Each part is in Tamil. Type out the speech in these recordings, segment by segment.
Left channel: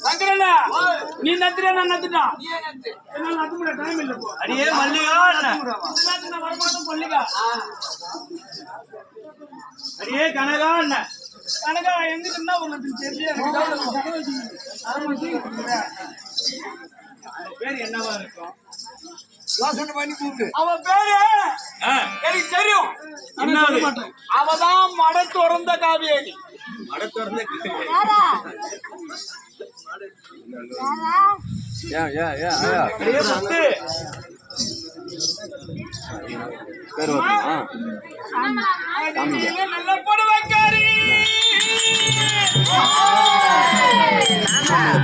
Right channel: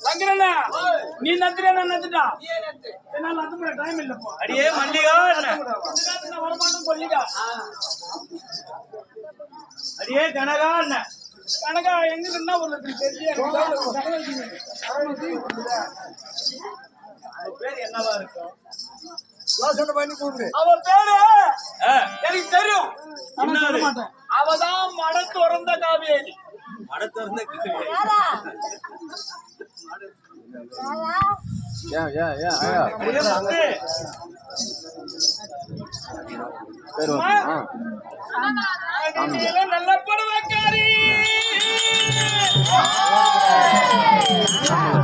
சங்கரண்ணா நீ நத்துறா நான் நத்துட்டா என்ன நத்த முடிய டைம் இல்ல போ அடியே மல்லிகா வரமாட்டோம் கொல்லிகா அடியே கனகா என்ன கனகா எங்கிட்ட ஒரு தெரியல பேர் என்னவா இருக்கும் யோசனை பண்ணி கூப்பிடு அவ பேரு எனக்கு தெரியும் என்ன அவதான் மட துறந்த காவியேரி மட துறந்த நல்ல படுவாக்காரி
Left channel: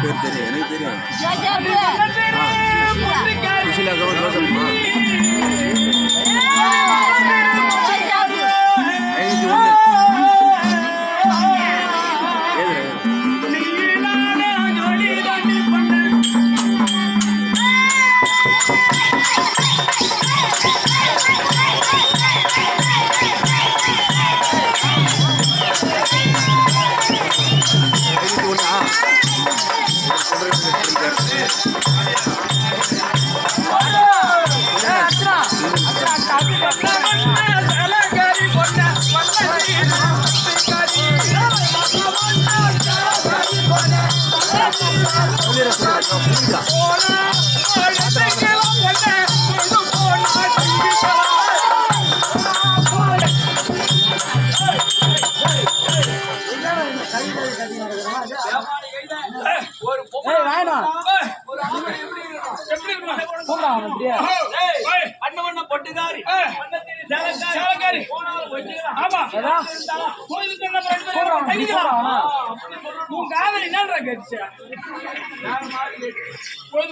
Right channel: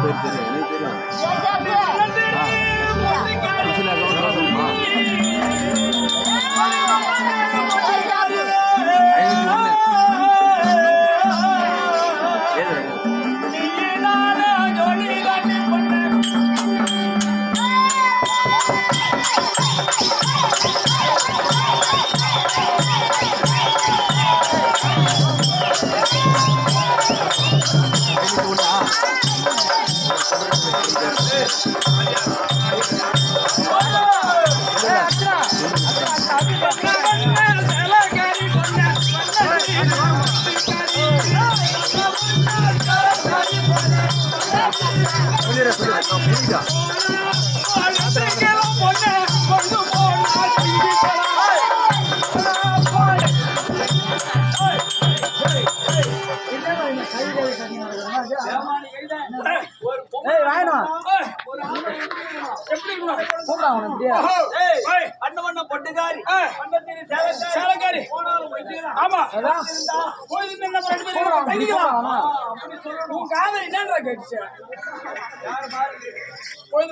பேர் தெரியும் எனக்கு தெரியும்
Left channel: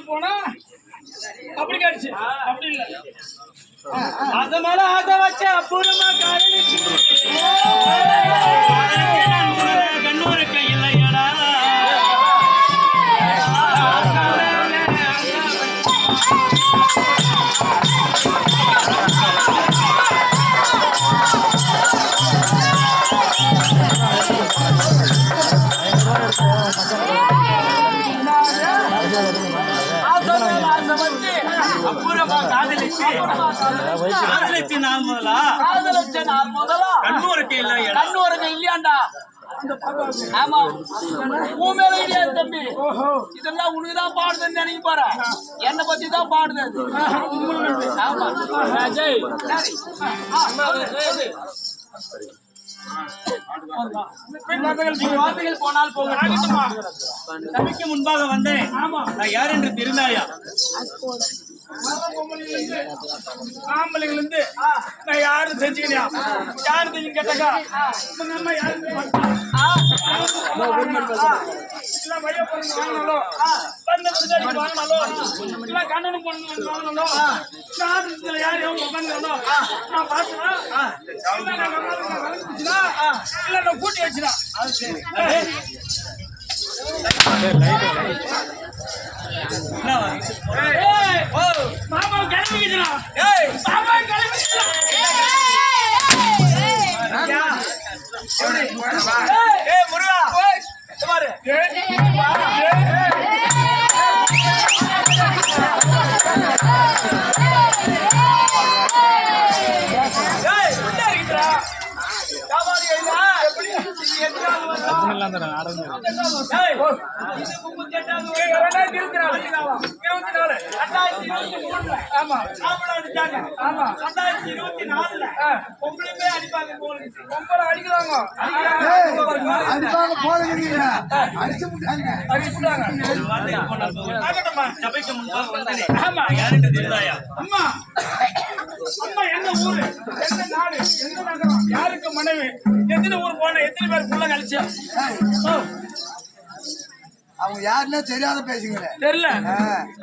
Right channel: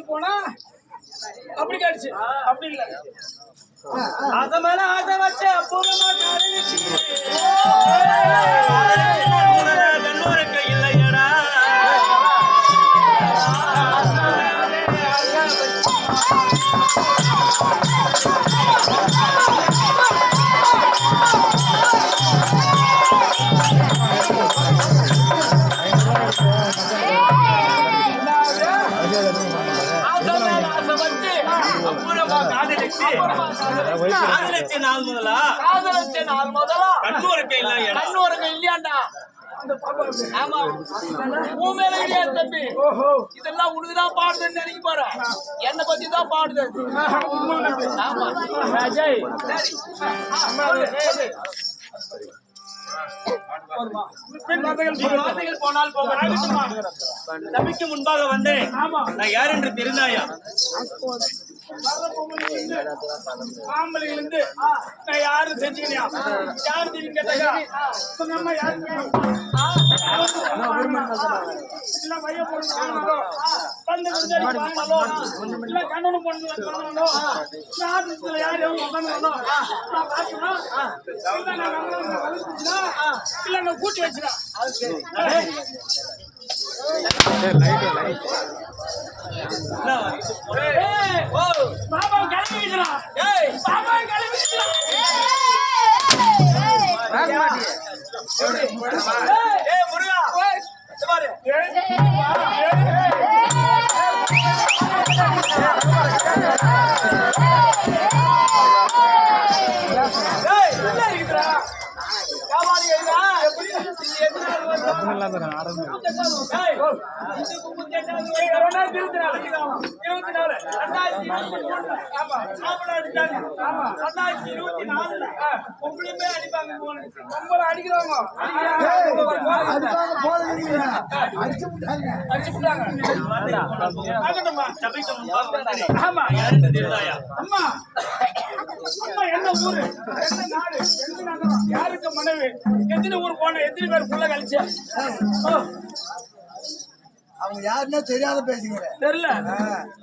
போனா அப்படி கேடுச்சு அப்படி இல்ல அத மேல ஆசை வச்சு அப்புறமா கண்ணுரைக்க இல்லையடா கண்ணூருக்கு இல்லையாண்டா ஆமா உன் மேல கிடையாது தம்பி இதெல்லாம் உனக்குதான் பாடுதுன்னு நினைக்க போற என்னை பத்தி தான் பாடுது ஆமா அஜய் போனால் நபிக்கு முன்பாக வந்தேன் நான் யார் என்று தெரிந்தாயா ஆம்பளைகள் இருந்து நான் யாரும் செஞ்சுக்கிறியா யாரு தெரியும் கேட்டாக்கா உங்க அம்மா யாரு கண்ணனும் பொண்ணு யாரையும் உட்காந்துங்களோ நான் பார்த்துனா இல்ல நான் கூட்டி வச்சுனா பாபா கிளம்பிக்கிறா பாபா கிளம்பிக்கிறா முருகா பாரு யாருக்கு மனைவி எத்தனை ஊர் போன எத்தனை பேர் புள்ள கழிச்சு அவங்க யாருன்னா தெரியாத பேசுங்க தெரியல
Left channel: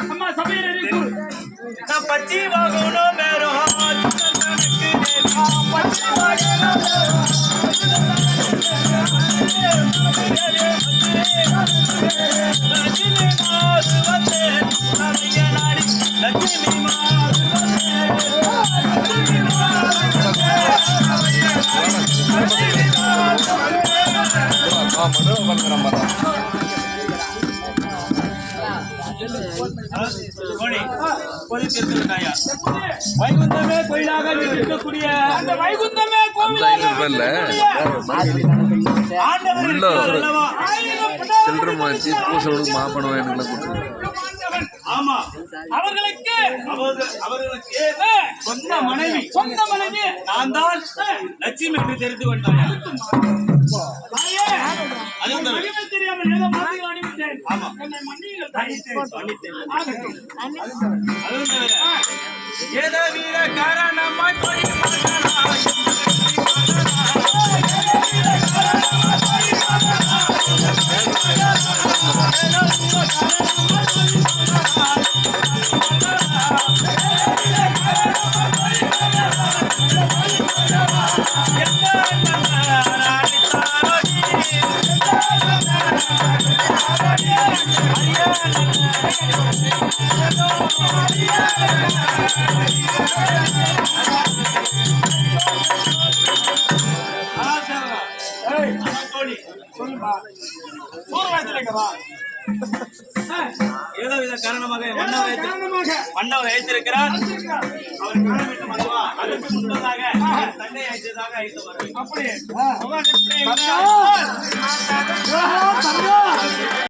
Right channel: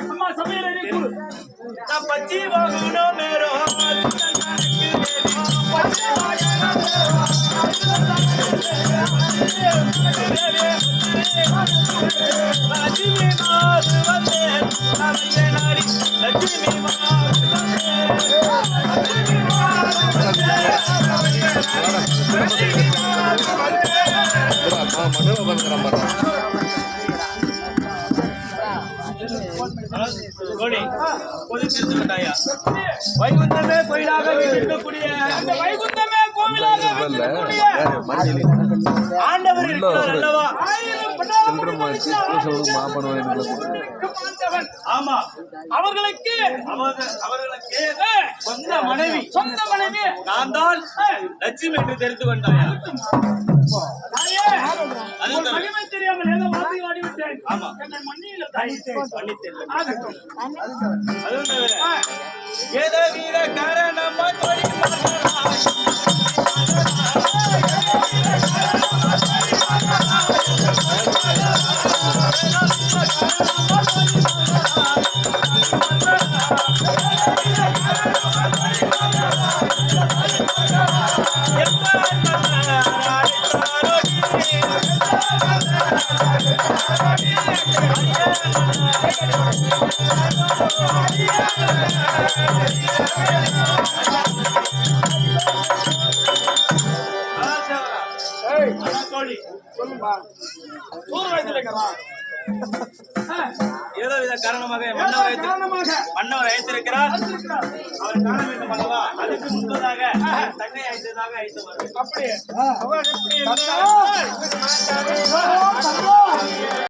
அம்மா சமையல் பச்சி வாங்கணும் மேரோ லட்சுமி மாது வந்தே நாடி லட்சுமி மனோ கோழி பொது தெரிந்து விட்டாயா வைகுந்தமே கோயிலாக இருக்கக்கூடிய அந்த வைகுந்தமே கோவிலாக ஆண்டவர் இருக்கிறார் அல்லவா? ஆமா அவர்களுக்கு சொந்த மனைவி நான் தான் லட்சுமி என்று தெரிந்து கொண்டாயா? மகிமை தெரியாமல் ஏதோ மாதிரி ஆடிவிட்டேன். ஆமா என்னை மன்னியுங்கள் தாயே. அதுவும் தவிர ஏதோ வீர காரணமாய் கோழி ஏதோ வித காரணமாக மன்னவர் அழைத்திருக்கிறார். அவர் காண வேண்டும் அல்லவா? அதற்கு முன்பதாக தங்கை அழைத்ததாக அழைத்து வருவேன். அப்படியே